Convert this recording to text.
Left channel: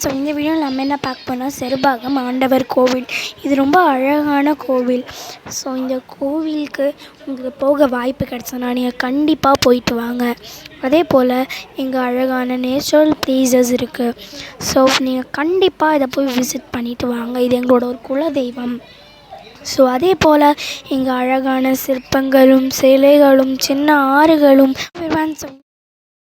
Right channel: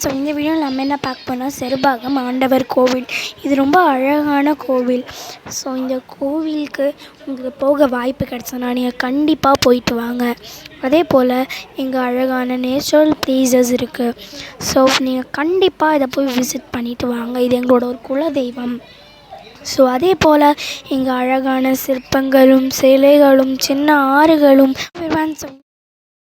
So இந்த வீடியோவில் நம்ம என்ன பார்க்க போனால் செருபாகம் ஆண்டவர் கோவில். இது ரொம்ப அழகான கோவில். ஸோ இந்த கோவிலுக்கு உங்களுக்கு போக வாய்ப்பு கிடச்சதுன்னா நீங்கள் கண்டிப்பாக போயிட்டு வாங்க. அதே போல் இங்கே அழகான நேச்சுரல் ப்ளேசஸ் இருக்குது. ஸோ நீங்கள் கண்டிப்பாக இதை போய் விசிட் பண்ணிவிட்டு வாங்க. இது எங்களோட ஒரு குலதெய்வம். ஸோ அதே போல் இங்கே அழகான சிற்பங்களும் சிலைகளும் சின்ன ஆறுகளும் ஸோ